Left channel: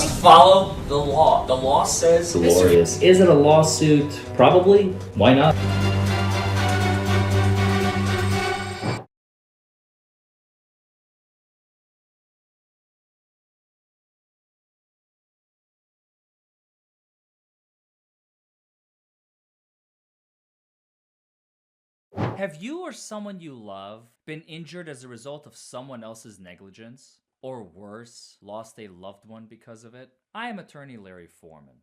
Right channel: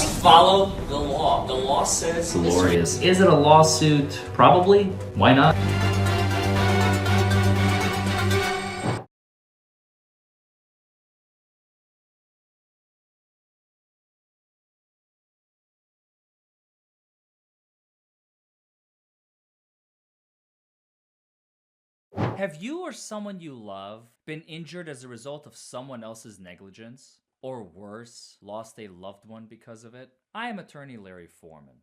must follow the law. The law says... Glorious. Is it a lawsuit? Probably. Why not? Have you or someone you love been injured as a result of someone else's negligence? Or worse, lost a loved one because of it? I am Attorney Larry Forman,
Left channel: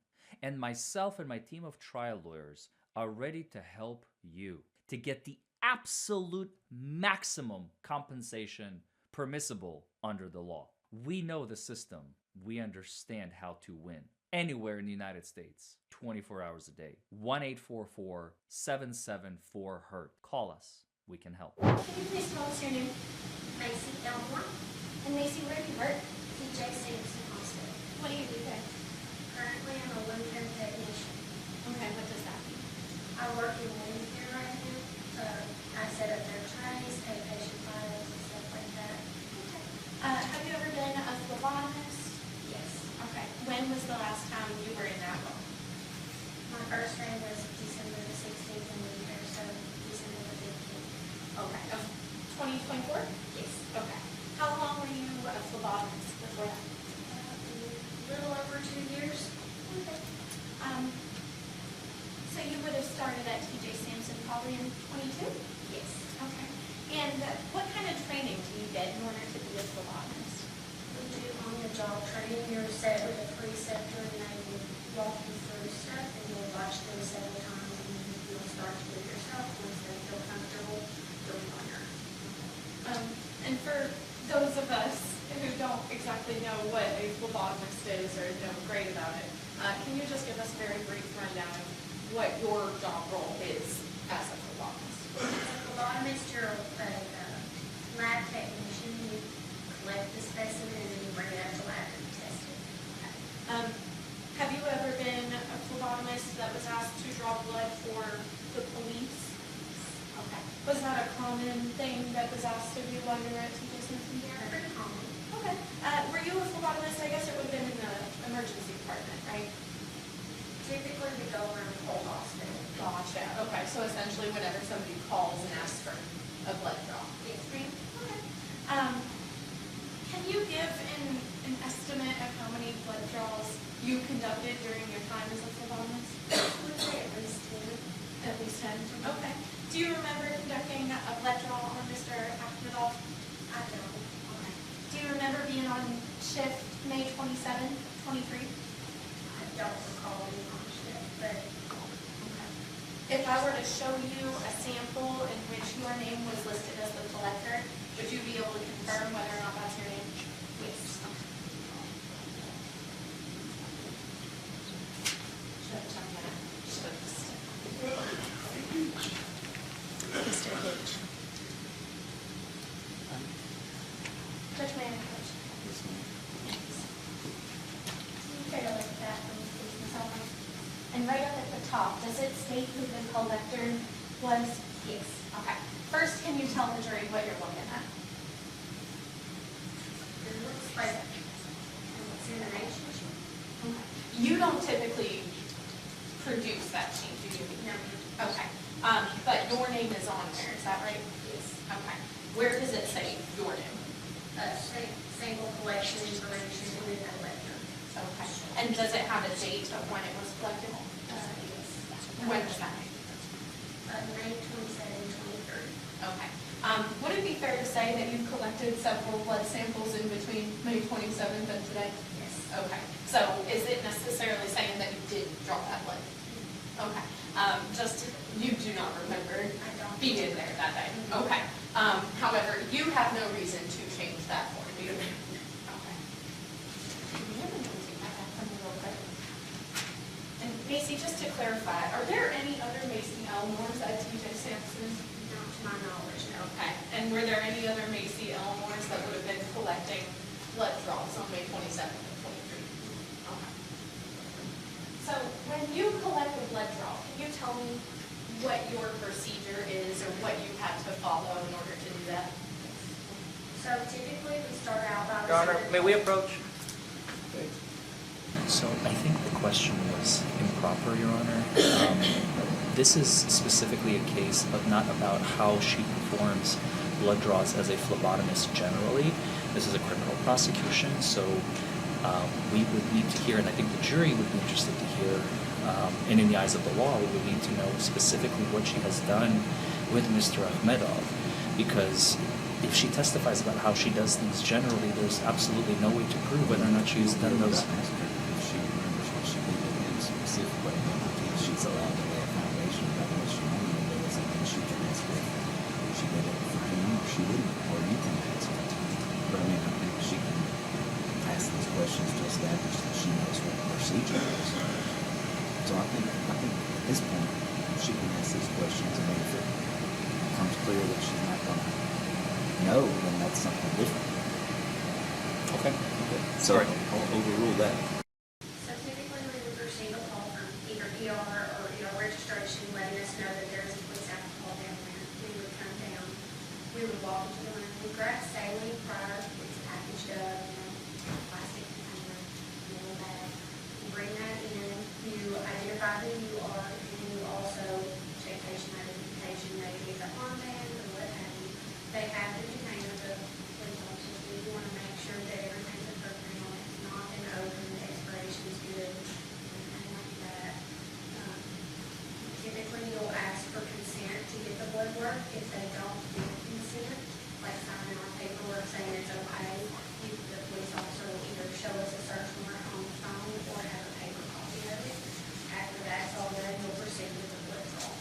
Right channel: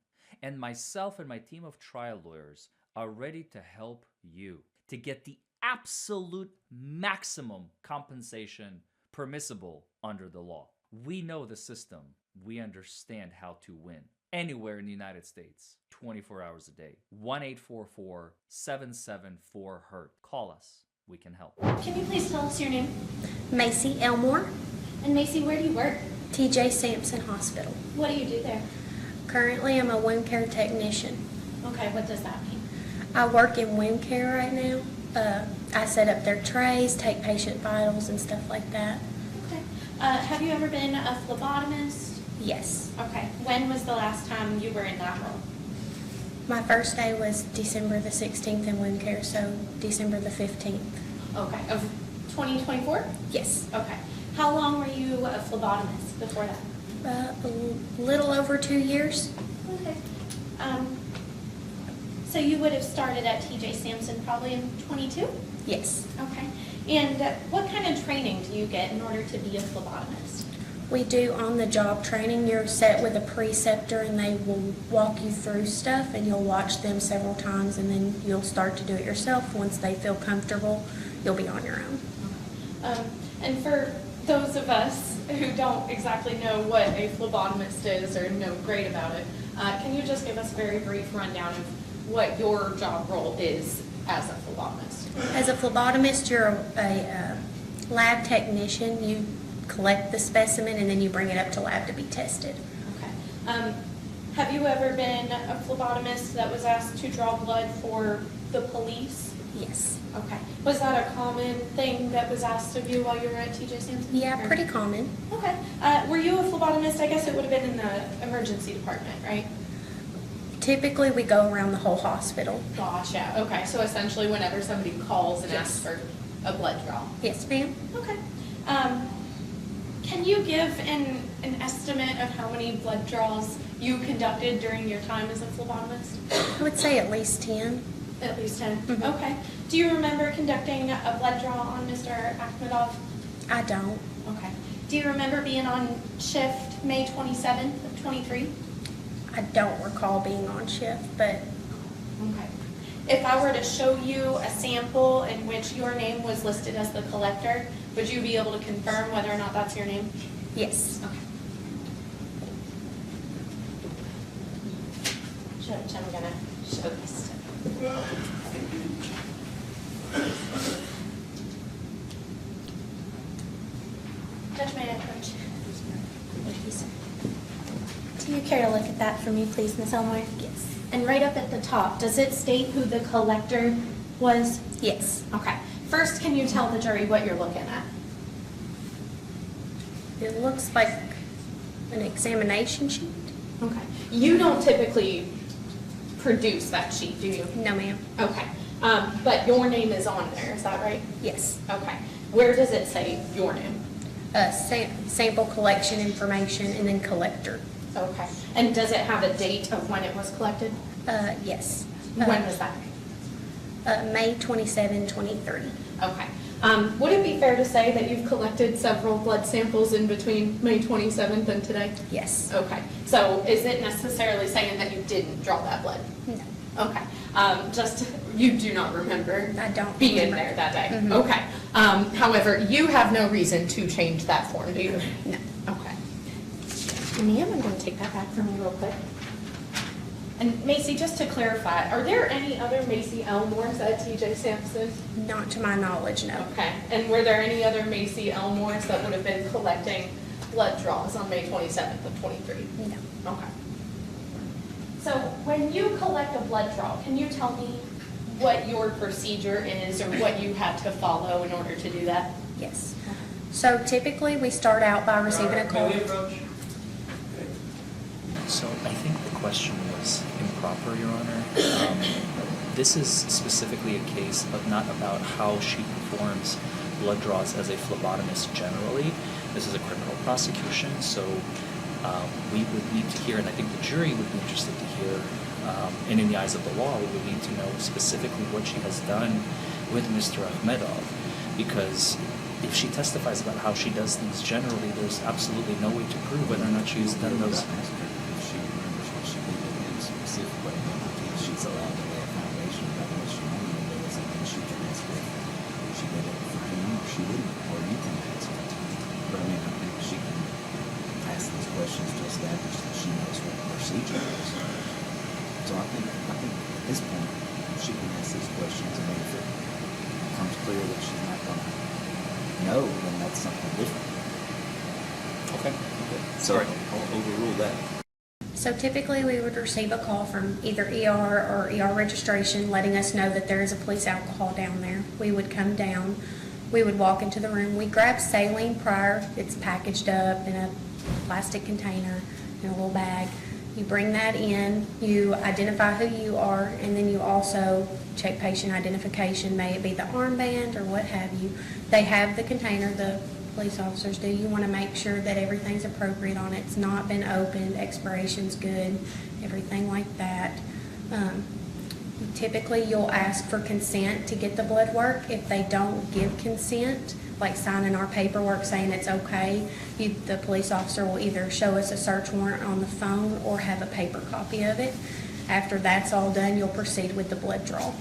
and myself and my team of trial lawyers are ready to help you to get the absolute maximum compensation permissible under the law. We know the system. We understand how to win. Anywhere in the United States, 24 hours a day. 1-844-774-HURT. Call us. We can help. Can you please tell us your name? Macy Elmore, And Macy, where do you work? TJ Sampson Hospital. What do you do there? Currently, I'm a wound care technician. Okay, what does that mean? I work in wound care right now. I set up their trays, take patient vitals and stuff like that. Okay. Have you ever been a phlebotomist? Yes. Okay. When was the last time you were in that role? My first day was December the 16th in wound care, so December the 15th. Okay. Of 2024? Yes. Okay. How long were you a phlebotomist before that? A little over 2 years. Okay. So you would have started at TJ Sampson probably in 22? Yes. Okay. And what kind of training do you get in order to be a phlebotomist? We do on-the-job training. You're set with a preceptor and they will walk you through stuff and you'll watch them several times and then you'll start to do it yourself. Once they feel comfortable, you'll be on your own. And for those of us who don't exactly know what a phlebotomist is or know great about it, can you just give us a very brief rundown of what your job role is as a phlebotomist? As a phlebotomist, you're a lab technician. You collect the specimen and then you bring it up to lab to be tested. Okay. Have you ever been a phlebotomist that was asked to draw blood for the police? Yes. Okay. Was that a common thing that was asked of you while you were at TJ Sampson? Yeah, pretty common. Okay. Were you a phlebotomist? I guess it would have been in the emergency department, right? Typically, we go around the whole hospital. Gotcha. Okay. So essentially, whenever somebody calls and asks for a blood draw. Yes, ma'am. Okay. Can you give an estimate of how many blood draws you conducted during your time as a phlebotomist? I would say at least 10. At least 10. Mhm. Okay. Do you remember conducting a blood draw on Mr. Akhmedov? I don't. Okay. Do you remember being on shift May 27th of 23? I don't recall being on shift, but Okay. If I were to show you a sample in which your name was listed as the collector, would you be able to confirm whether or not that's your name? yes. Okay. Judge, I'm gonna show this. Judge, may I approach? Thank you, sir. Do you care to look at that for me, please, Ms. Elmore? Yes. And right up at the top, does it state who the collector was? Yes. Okay. First, can you tell the jury what you're looking at? It looks like an examination sheet. Okay. You don't typically produce that sheet, do you? No, ma'am. Okay. But your name is on there, is that right? Yes. Okay. Where does it say your name? Sample collection information and then collector. Okay. And does it have a date of when it was collected? Yes. When was that? May 27, 2030. Okay. Would it be fair to say that you've collected several blood samples in between May 27th and today? Yes. Okay. So is it necessarily saying that you didn't draw that blood? No. Okay. Just, you do not remember I don't being remember. there that day? Mhm. Okay. However, you have no reason to change that form, do you? No. Okay. Ma'am, I'm going to take that back from you real quick. And Macy, just to clarify, are there any other Macy Elmores at TJ Sampson? Not to my knowledge, no. Okay. And were there any other Macy Elmores that would have been collecting blood draws on May 27th of 23? No. Okay. So when you collect a blood draw, can you tell me what your procedure is or what you have to follow in order to do that? Yes. So typically, we start out by receiving a May call. we approach? So I think the question was improper, Your Honor. This is specifically a case of not about how she performs blood draws as a phlebotomist generally. This is a criminal prosecution, so we would need to hear, and I think the jury would be interested to hear, and in the eyes of the law, we would need to know specifically what she has done with Mr. Akhmedov, because if she testifies about how she does things generally, there's absolutely no way to prove whether or not she's done those. If she remembers what she did with him specifically, then she's allowed to lay a foundation about what she normally does, and then she can ask if she did it for him or she didn't, or you can ask it. But I mean, I think she can ask these questions to establish that she knows what the procedure is. So I think at this point, she can ask these questions, and then if it becomes clear that she's not going to know, then that's something different. Okay. So I'll overrule that. So typically, we would receive a call from either ER or ER registration letting us know that there is a police alcohol down there. We would come down, we would walk into the room, we grab saline prior, it's packaged up in a plastic container, in a little bag. You bring that in, you identify who you are, and then you also check patient identification, may it be the armband or what have you. They have the container, the police officers do. You want to make sure that everything's appropriate on it. It's not been opened, expiration's good, everything like that. Typically, you'll ask for consent to get the blood work. If they don't give consent, like signing our paperwork saying it's okay, the police officer will either show us a search warrant on the phone or have a paper copy of it. After that's all done, you'll proceed with the blood draw.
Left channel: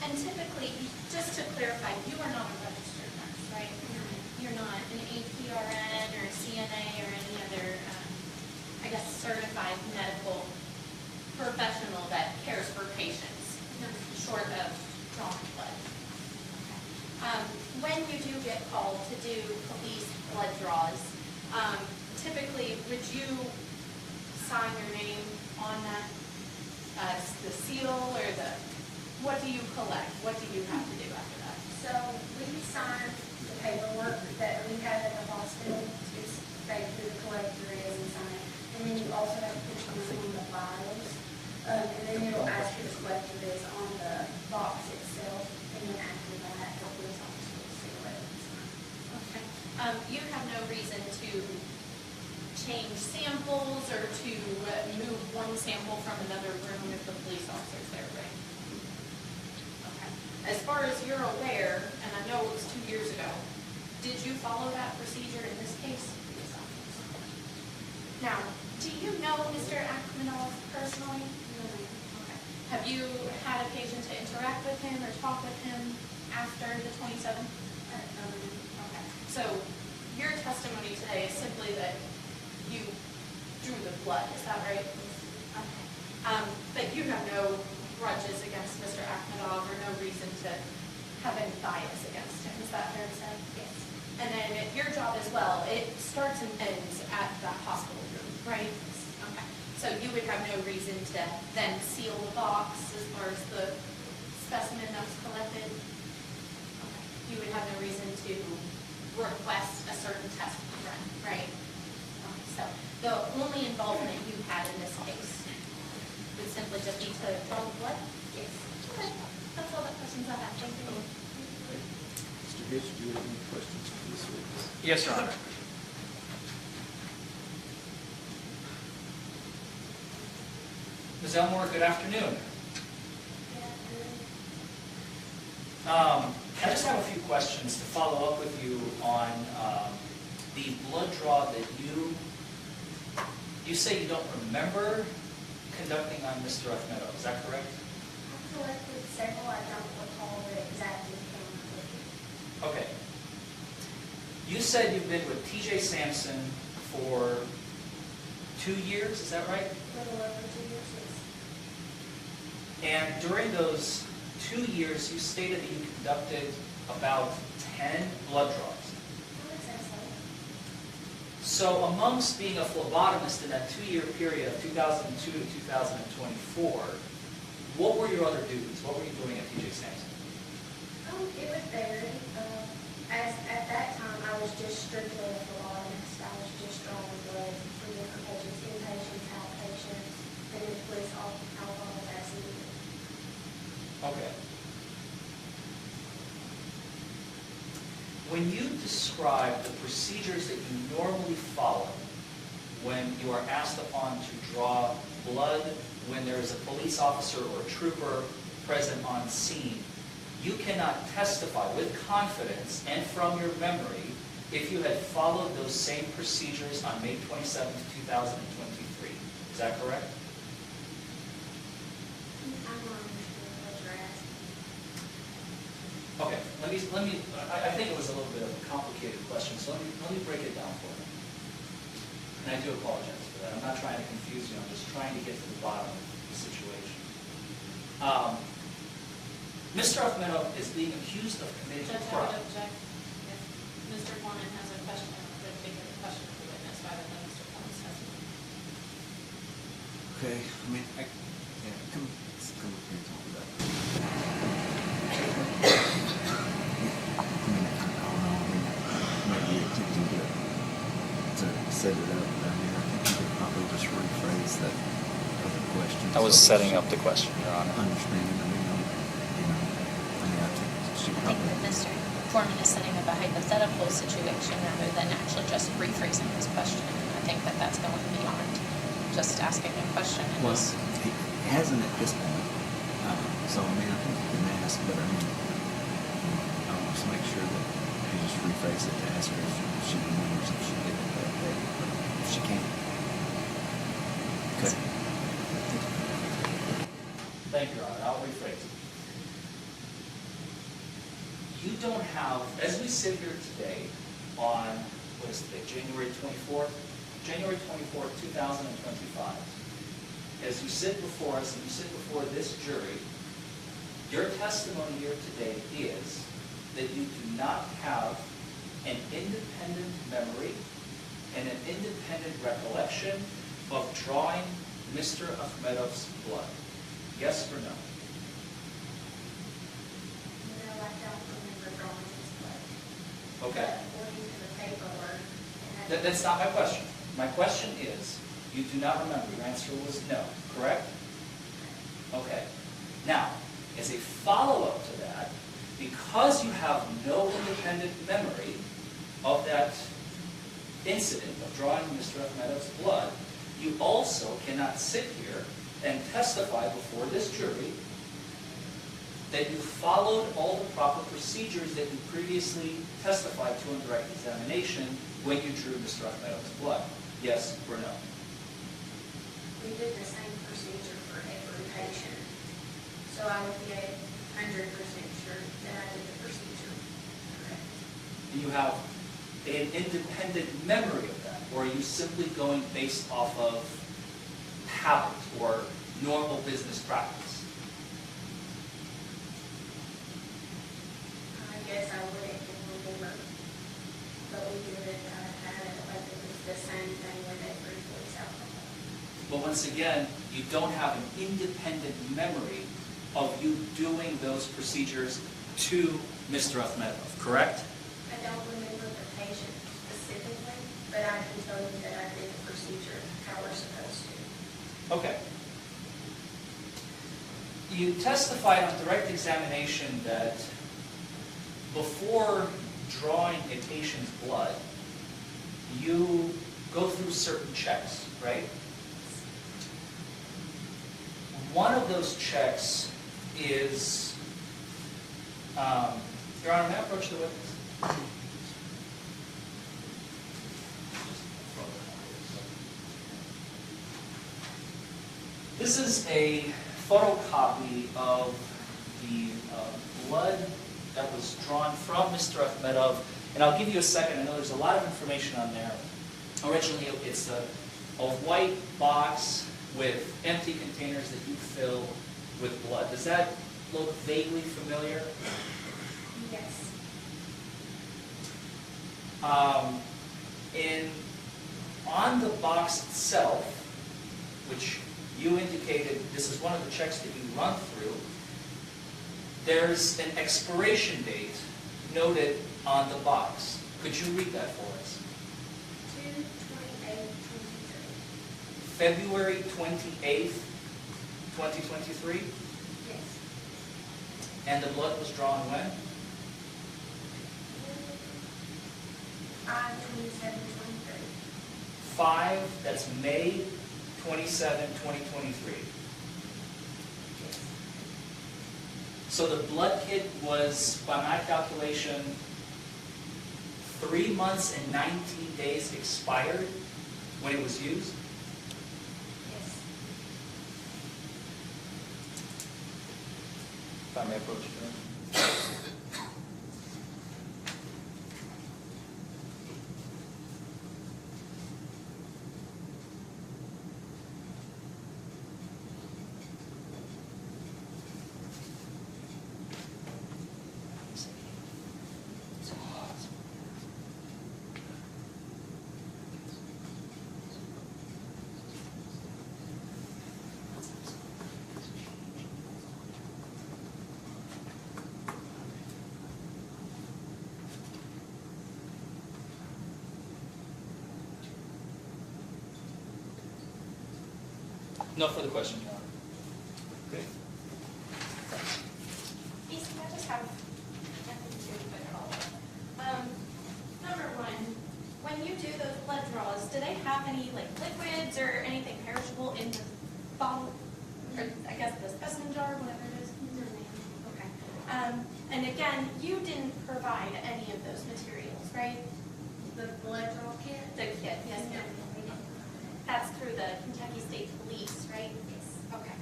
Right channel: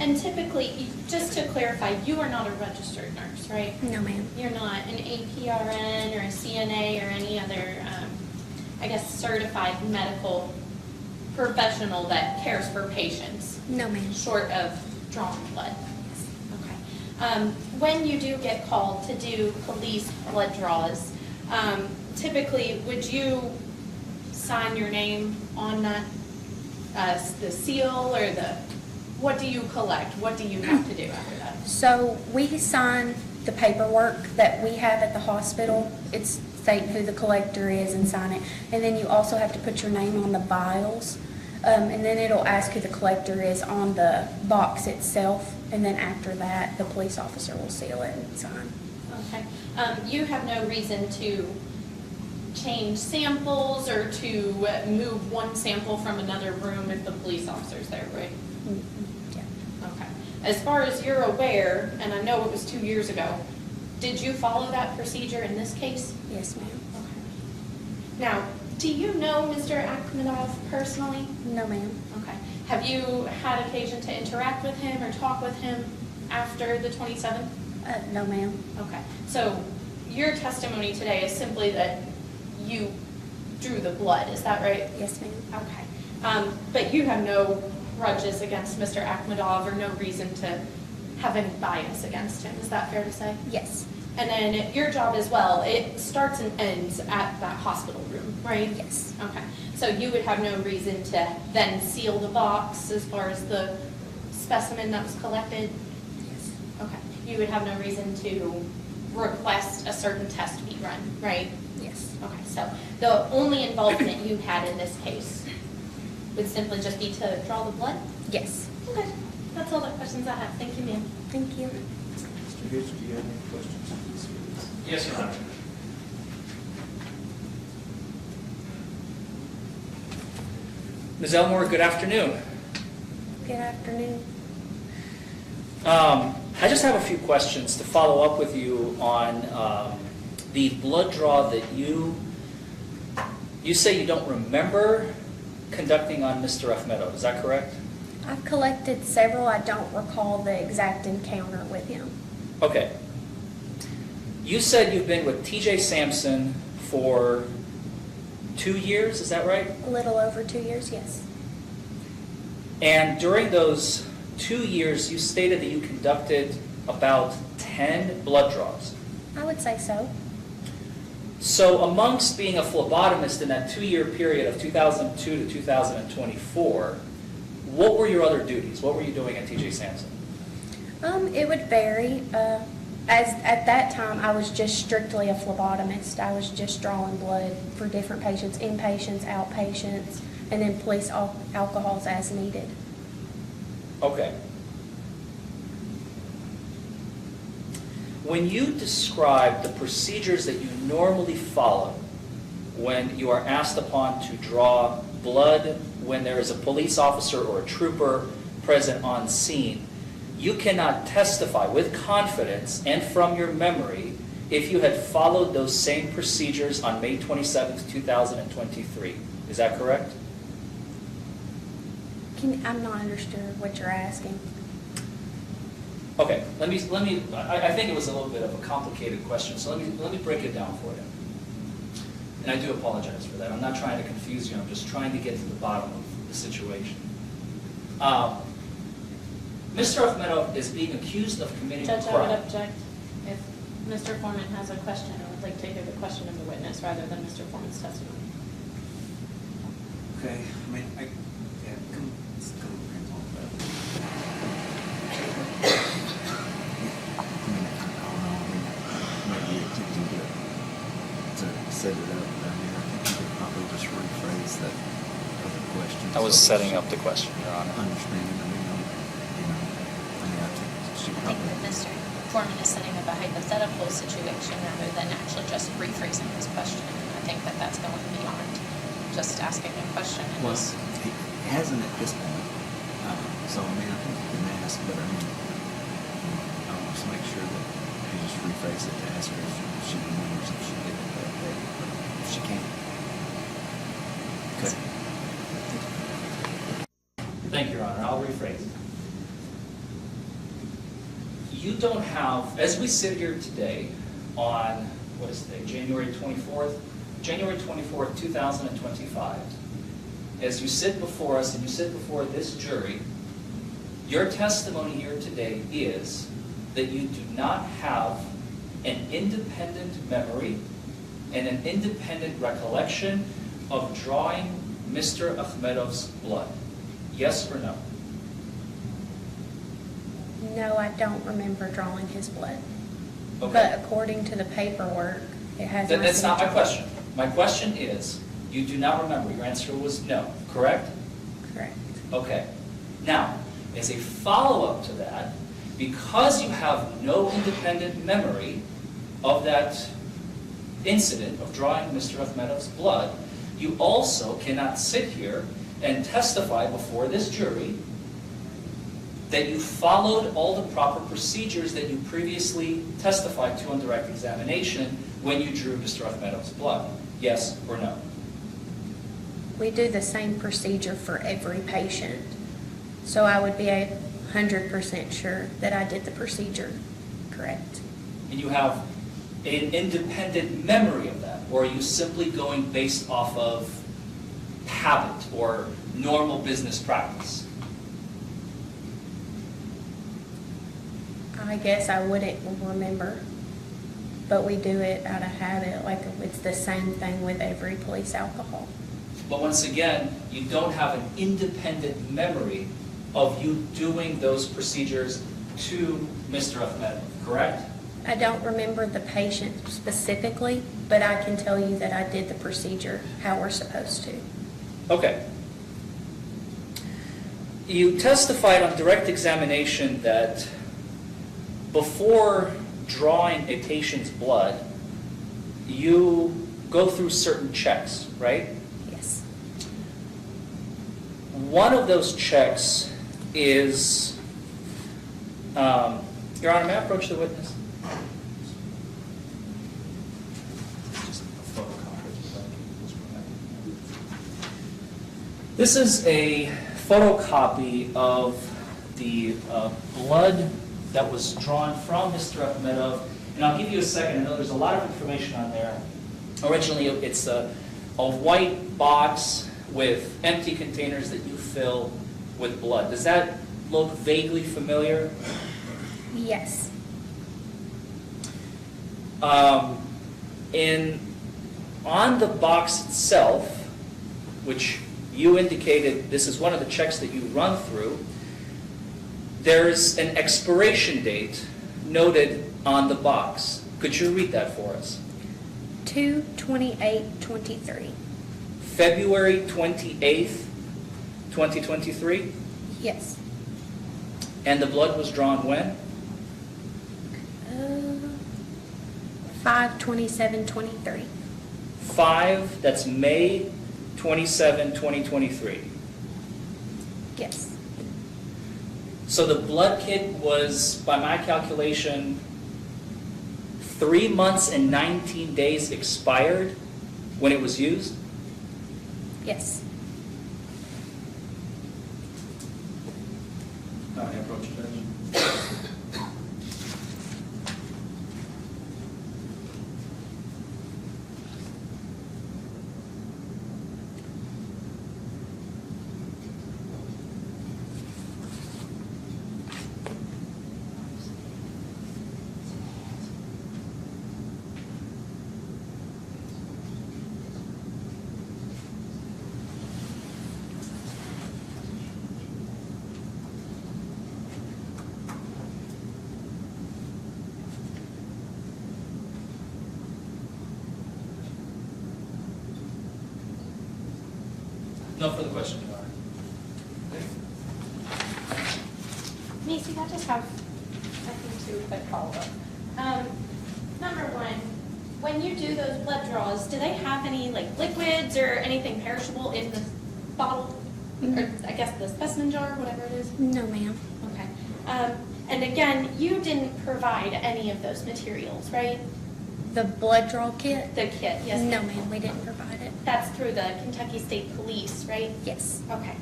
And typically, just to clarify, you are not a registered nurse, right? No, ma'am. You're not an APRN or a CNA or any other, certified medical professional that cares for patients, No, ma'am. short of drawing blood. Okay. When you do get called to do police blood draws, typically, would you sign your name on that, the seal or what do you collect? What do you have to do after that? So we sign the paperwork that we have at the hospital. It's state who the collector is and sign it. And then you also have to put your name on the vials. And then it'll ask who the collector is on the box itself. And then after that, the police officer will seal it and sign. Okay. You have no reason to change samples or to move one sample from another room if the police officer's there, right? Okay. As far as you're aware, and I know it was 2 years ago, did you follow that procedure in this case? Yes, ma'am. Now, do you know Mr. Akhmedov personally? No, ma'am. Okay. Have you had occasion to interact with him or talk with him after the 27th? No, ma'am. Okay. So your testimony today is simply that you drew the blood, is that right? Yes, ma'am. Okay. But you have no grudges against Mr. Akhmedov or no reason to have any bias against him, is that fair to say? Yes. And then your job as well, it starts and ends at that hospital room, right? Yes. Okay. So you would have no reason to then seal the box as far as the specimen that was collected? Okay. You would have no reason to request a certain test be run, right? Yes. Okay, so the only involvement you had in this case would simply just be to draw the blood? Yes. Okay, that's all the questions I have. Thank you, ma'am. Thank you. Mr. Hitch, do you have any questions of these witnesses? Yes, Your Honor. Ms. Elmore, good afternoon. Good afternoon. I just have a few questions to follow up with you on the blood draw that you say you don't remember conducting on Mr. Akhmedov. Is that correct? I've collected several. I don't recall the exact encounter with him. Okay. You said you've been with TJ Sampson for 2 years, is that right? A little over 2 years, yes. And during those 2 years, you stated that you conducted about 10 blood draws. I would say so. So amongst being a phlebotomist in that 2-year period of 2002 to 2024, what were your other duties? What were you doing at TJ Sampson? It would vary. At that time, I was just strictly a phlebotomist. I was just drawing blood for different patients, inpatients, outpatients, and then police alcohols as needed. Okay. When you describe the procedures that you normally follow when you are asked upon to draw blood when there is a police officer or a trooper present on scene, you cannot testify with confidence and from your memory if you had followed those same procedures on May 27th, 2023. Is that correct? I'm not understanding what you're asking. Okay, I think it was a little bit of a complicated question, so let me break it down for you. And I do apologize for that. I'm not trying to confuse you, I'm just trying to get to the bottom of the situation. Mr. Ahmedov is being accused of committing a Judge, I crime. would object. If Mr. Foreman has a question, I would like to hear the question of the witness rather than Mr. Foreman's testimony. Okay, I mean, yeah, come on, but. Maybe attempting to set it up, but I mean, I think you could probably just rephrase that other question. I was setting up the question, Your Honor. Understanding, I mean, I think she I think probably. that Mr. Foreman is setting up a hypothetical situation rather than actually just rephrasing his question. And I think that that's going beyond just asking a question. Well, he hasn't at this point, so I mean, I think you can ask, but I mean, I'll just make sure that you just rephrase it to ask her if she remembers if she did it that day, but if she can't. Okay. Thank you, Your Honor. I'll rephrase it. You don't have, as we sit here today on, what is today, January 24th? January 24th, 2025. As you sit before us and you sit before this jury, your testimony here today is that you do not have an independent memory and an independent recollection of drawing Mr. Ahmedov's blood. Yes or no? No, I don't remember drawing his blood. Okay. But according to the paperwork, it has. That's not my question. My question is, you do not remember. Your answer was no, correct? Correct. Okay. Now, as a follow-up to that, because you have no independent memory of that incident of drawing Mr. Ahmedov's blood, you also cannot sit here and testify before this jury that you followed all the proper procedures that you previously testified to on direct examination when you drew Mr. Ahmedov's blood. Yes or no? We do the same procedure for every patient. So I would be 100% sure that I did the procedure correct. And you have an independent memory of that, or are you simply going based off of habit or normal business practice? I guess I wouldn't remember, but we do it out of habit, like it's the same thing with every police alcohol. But once again, you don't have an independent memory of you doing those procedures to Mr. Ahmedov, correct? I don't remember the patient specifically, but I can tell you that I did the procedure how we're supposed to. Okay. You testified on direct examination that before drawing a patient's blood, you go through certain checks, right? Yes. One of those checks is, Your Honor, may I approach the witness? This is a photocopy of the blood that was drawn from Mr. Ahmedov, and I'll give you a second. I know there's a lot of information on there. Originally, it's a white box with empty containers that you fill with blood. Does that look vaguely familiar? Yes. On the box itself, which you indicated this is one of the checks that you run through, there's an expiration date noted on the box. Could you read that for us? 2/28/23. February 28th, 2023? Yes. And the blood was drawn when? 5/27/23. 5, that's May 27, 2023. Yes. So the blood kit was, by my calculation, 3 months and 19 days expired when it was used? Yes. All right, approach it, Judge. No further questions, Your Honor. Okay. Nisi, I just have, I think, 2 quick follow-up. Number one, when you do those blood draws, do they have any like liquids or anything perishable in the bottle? Or I guess the specimen jar, whatever it is? No, ma'am. Okay. And again, you didn't provide any of those materials, right? The blood draw kit? The kit, yes. No, ma'am, we didn't provide it. That's through the Kentucky State Police, right? Yes. Okay.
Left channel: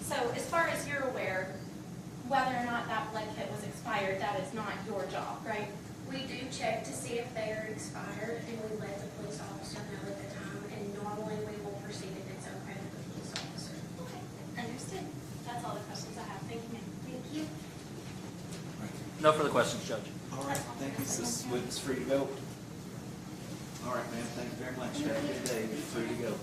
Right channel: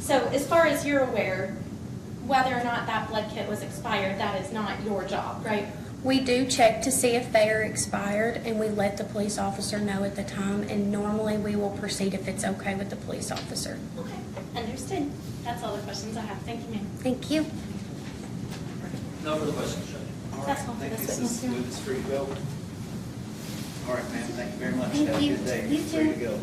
So as far as you're aware, whether or not that blood kit was expired, that is not your job, right? We do check to see if they are expired, and we let the police officer know at the time, and normally we will proceed if it's okay with the police officer. Okay, understood. That's all the questions I have. Thank you, ma'am. Thank you. No further questions, Judge. All right, That's all I think for this this is, witness. witness free to go. All right, ma'am, thank you very much. Thank Have a you. good day. You Free to too. go.